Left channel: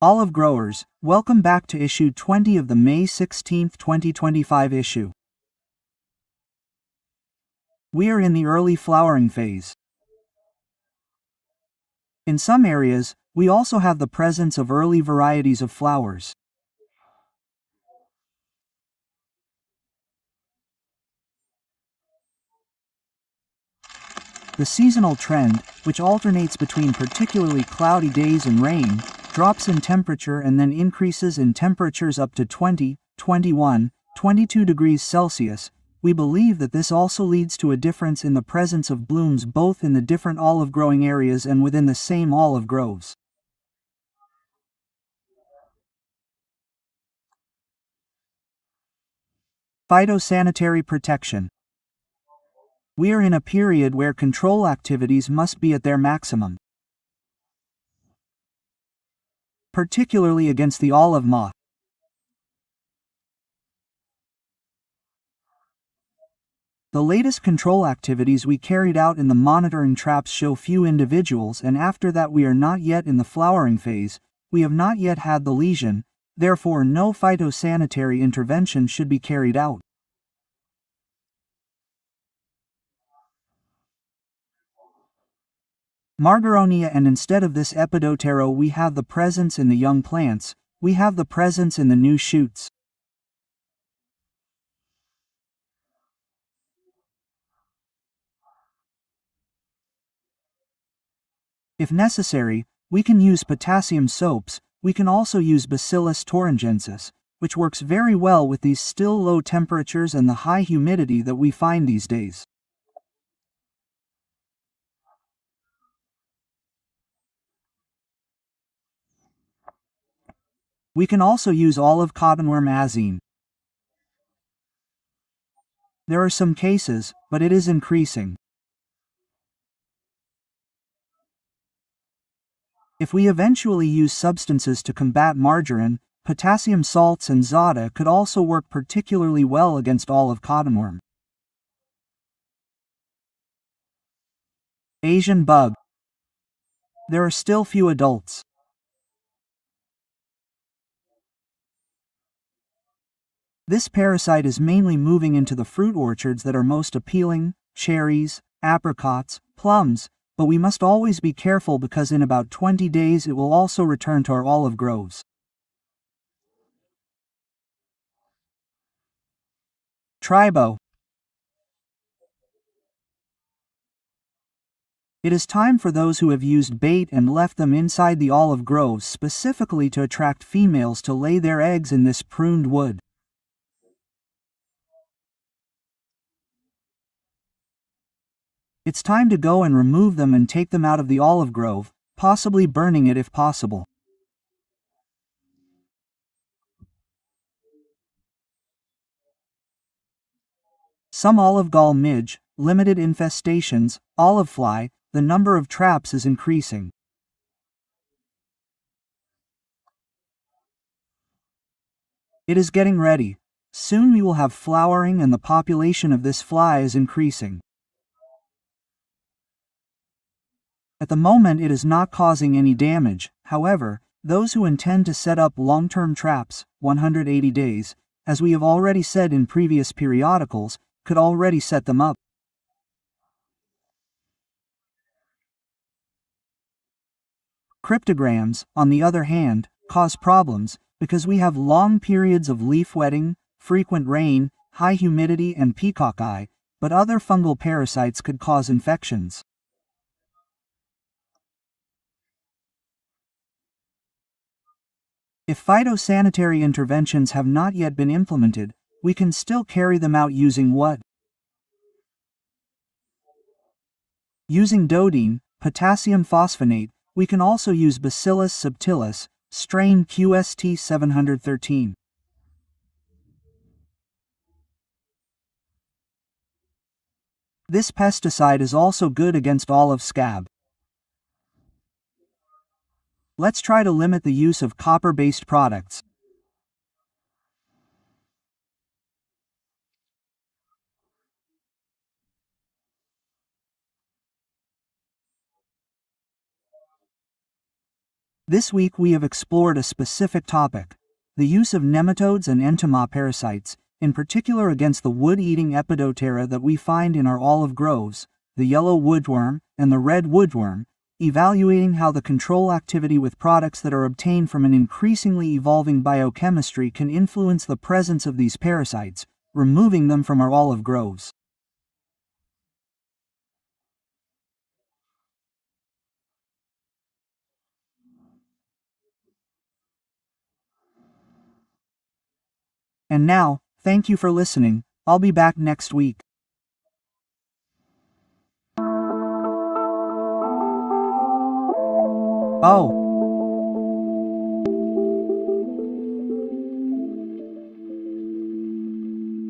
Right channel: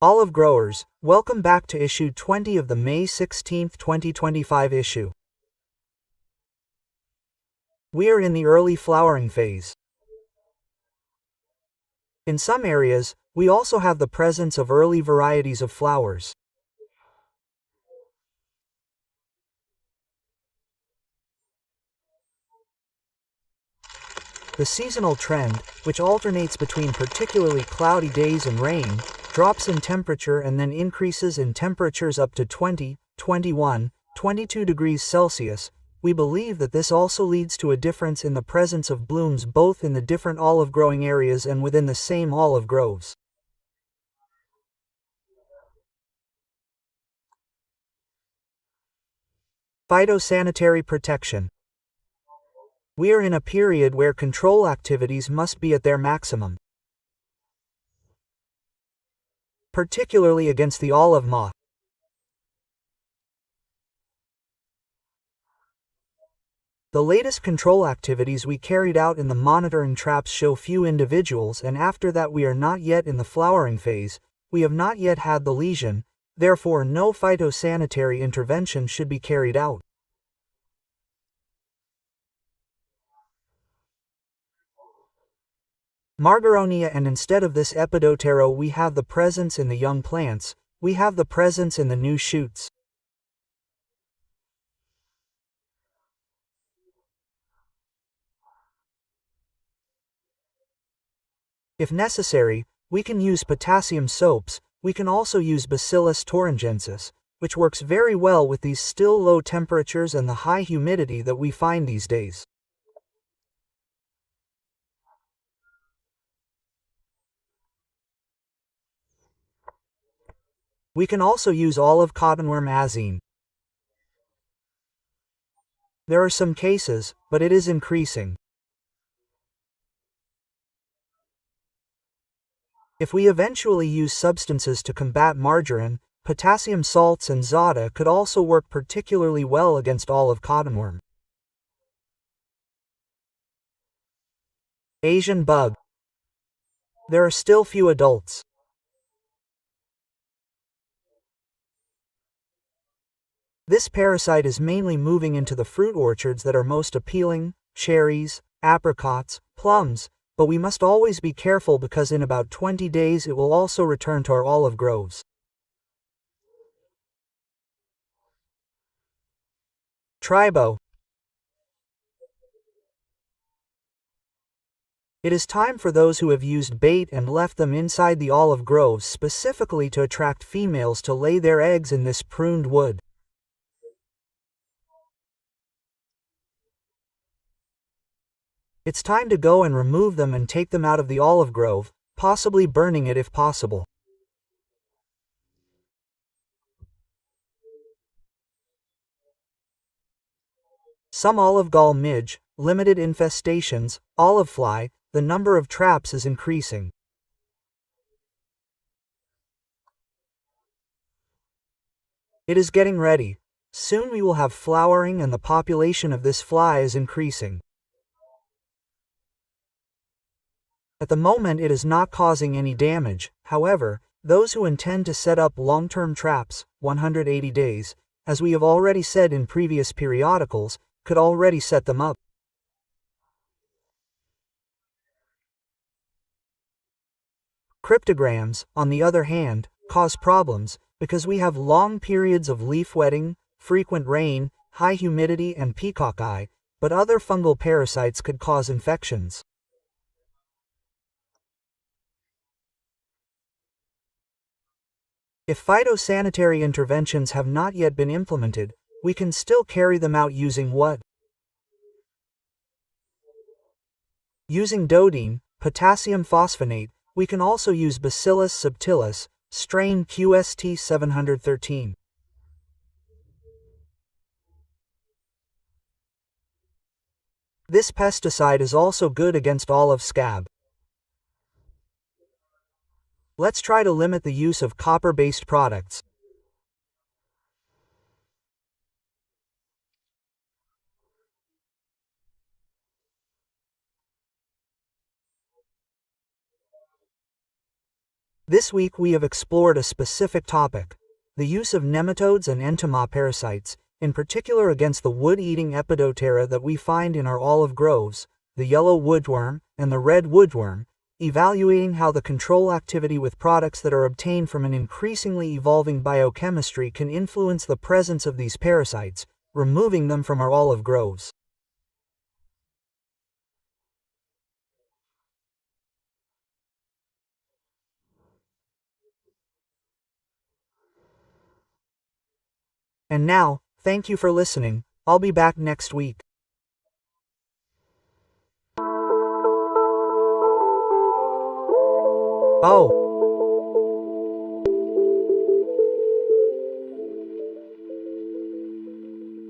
Olive growers, welcome back to issue 20 of the May 16, 2025 issue. We are in the early flowering phase. In some areas, we also have the presence of early varieties of flowers. The seasonal trend, which alternates between particularly cloudy days and rain, drops in temperature and then increases in temperatures up to 20, 21, 22 degrees Celsius. We believe that this also leads to a difference in the presence of blooms both in the different olive growing areas and within the same olive groves. Phytosanitary protection. We are in a period where control activities must be at their maximum, particularly against the olive moth. The latest control activities we carried out in the monitoring traps show few individuals, and after that we are not yet in the flowering phase, we have not yet had the lesion, therefore no phytosanitary intervention should be carried out. Margaronia, and instead of this epidotero we have the presence in the young plants, we have the presence in the new shoots. If necessary, we can use potassium soaps. We can also use Bacillus thuringiensis, which works very well with these still low temperatures and the high humidity that we find these days. We can also use olive cottonworm azine. There are some cases, but it is increasing. If we eventually use substances to combat margarine, potassium salts and zada could also work particularly well against olive cottonworm. Asian bug. There are still few adults. This parasite is mainly moving into the fruit orchards that are most appealing, cherries, apricots, plums, but we must always be careful because in about 20 days it will also return to our olive groves. Tribo. It is time for those who have used bait and left them inside the olive groves specifically to attract females to lay their eggs in this pruned wood. It's time to go and remove them and take them out of the olive grove, possibly burning it if possible. Some olive gall midge, limited infestations, olive fly, the number of traps is increasing. It is getting ready. Soon we will have flowering and the population of this fly is increasing. At the moment it is not causing any damage, however, those who intend to set up long-term traps, 180 days, as we have already said in previous periodicals, could already set them up. Cryptogams, on the other hand, cause problems, because we have long periods of leaf wetting, frequent rain, high humidity and peacock eye, but other fungal parasites could cause infections. If phytosanitary interventions have not yet been implemented, we can still carry them out using what? Using dodine, potassium phosphonate. We can also use Bacillus subtilis, strain QST 713. This pesticide is also good against olive scab. Let's try to limit the use of copper-based products. This week we have explored a specific topic: the use of nematodes and entomoparasites, in particular against the wood-eating Epidoptera that we find in our olive groves, the yellow woodworm and the red woodworm, evaluating how the control activity with products that are obtained from an increasingly evolving biochemistry can influence the presence of these parasites, removing them from our olive groves. And now, thank you for listening. I'll be back next week. Oh,